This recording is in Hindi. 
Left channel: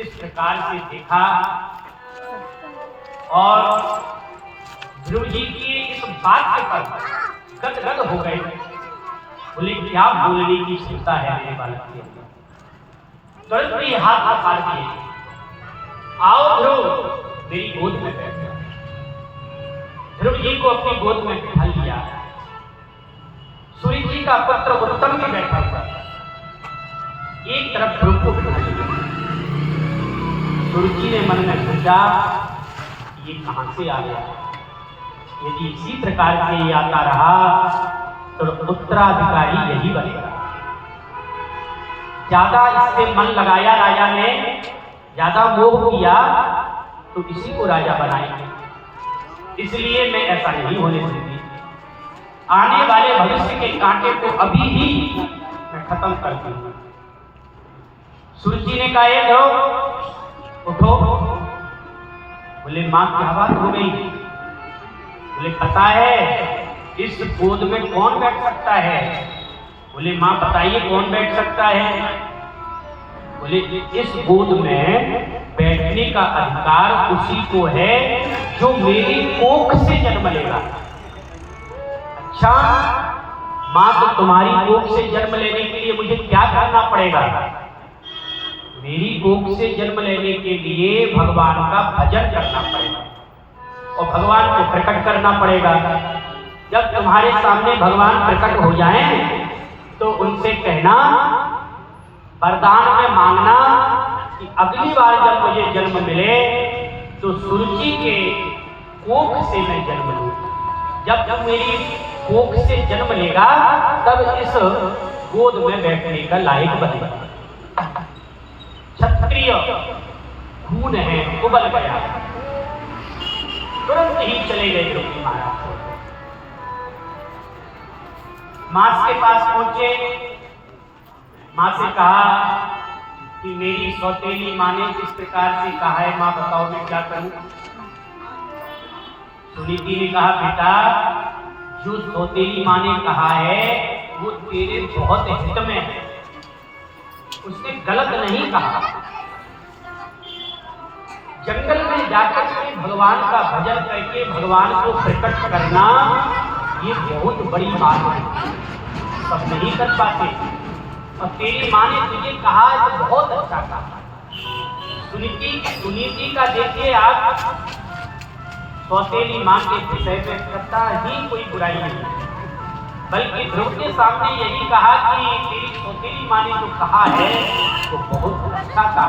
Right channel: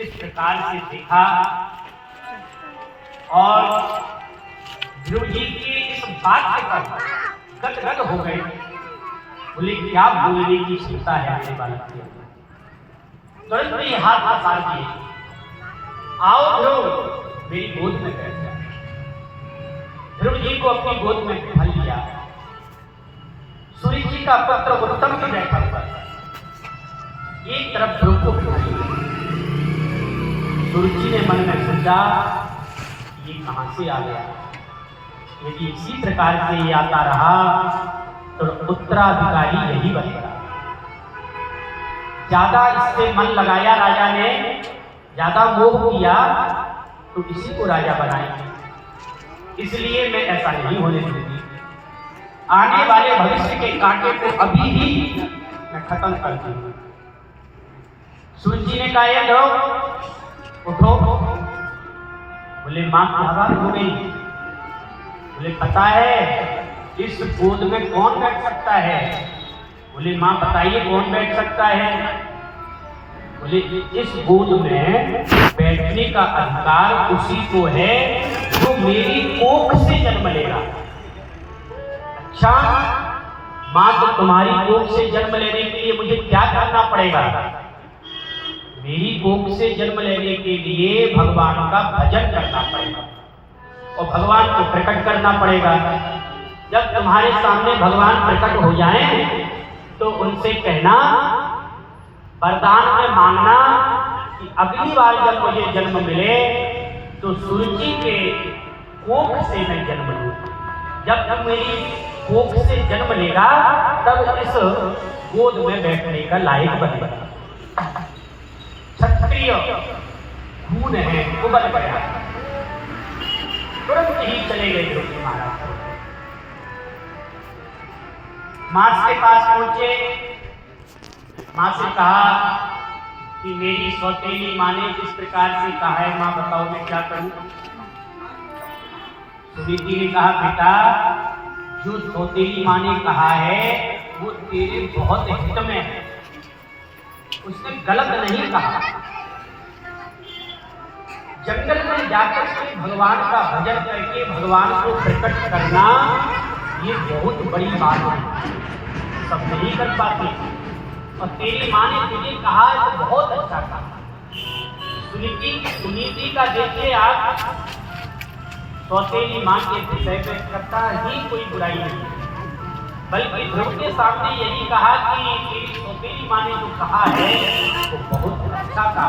इस प्रकार से देखा और ध्रुव जी की इस बात पर गदगद हो गए। बोले क्या बोलने की क्षमता है मेरे बालक के अंदर। तुरंत ही हाथ पसार दिए, आओ ध्रुव मेरी गोद में बैठ जा। ध्रुव जी को अपनी गोद में बिठा लिया। सूर्य जी का पुत्र उत्तम भी बैठा हुआ, एक तरफ ध्रुव को बिठा लिया। सूर्य जी ने मन में सोचा ये कहां से आ गया, यदि इसी प्रकार से ये आता रहा तो उत्तराधिकारी यही बनेगा। ज्यादा इससे मन लगाया राजा ने, ज्यादा मोह किया तो इसी को राजा बनाएंगे, इसलिए मैं ऐसा नहीं होने दूंगी। आने वाले भविष्य के कांटे को अभी ही मैं खत्म कर दूंगी। सूर्य जी ने कहा ध्रुव उठो। बोले मां क्या बात हो गई। बोले पता है इस गोद में कौन बैठ सकता है। बोले मां बताइए कौन बैठ सकता है। बोले इस गोद में बैठने का अधिकार उसी को है जो मेरी कोख से जन्म लेगा। अच्छा मां तो तुम्हारी कोख से जन्म लेने के लिए मुझे क्या करना पड़ेगा। मेरी कोख से जन्म लेने के लिए भगवान का भजन करना पड़ेगा और भगवान को प्रकट करना पड़ेगा। जब तुम्हारे सामने भगवान प्रकट हो जाएं तो उनसे कहना, वरदान में मांगना कि अगली बार जब मुझे जन्म मिले तो सूर्य के कोख से मैं जन्म लूं। जब तुम मेरी कोख से जन्म लेगा तब इस गोद में बैठने का लायक बनेगा। क्षत्रिय खून है उबल गया। तुरंत ही चले गए ध्रुव महाराज। मां के पास पहुंचे, मां से कहा कि मेरी सौतेली मां ने किस प्रकार से कहा है, मां बताओ मैं क्या करूं। सुनीति ने कहा बेटा जो सौतेली मां ने कहा है वो तेरे बहुत हित में है, उसने गलत नहीं कहा। जंगल में जाकर के भगवान का भजन करके भगवान को प्रकट करना ये बहुत बड़ी बात है, सब नहीं कर पाते। और तेरी मां ने तुझे कहा तो बहुत अच्छा कहा। सुनीति का देखिए आप सौतेली मां के विषय में करता ही कोई बुराई नहीं, बल्कि ध्रुव के सामने यही कहा कि तेरी सौतेली मां ने जो कहा है वो बहुत अच्छा कहा है।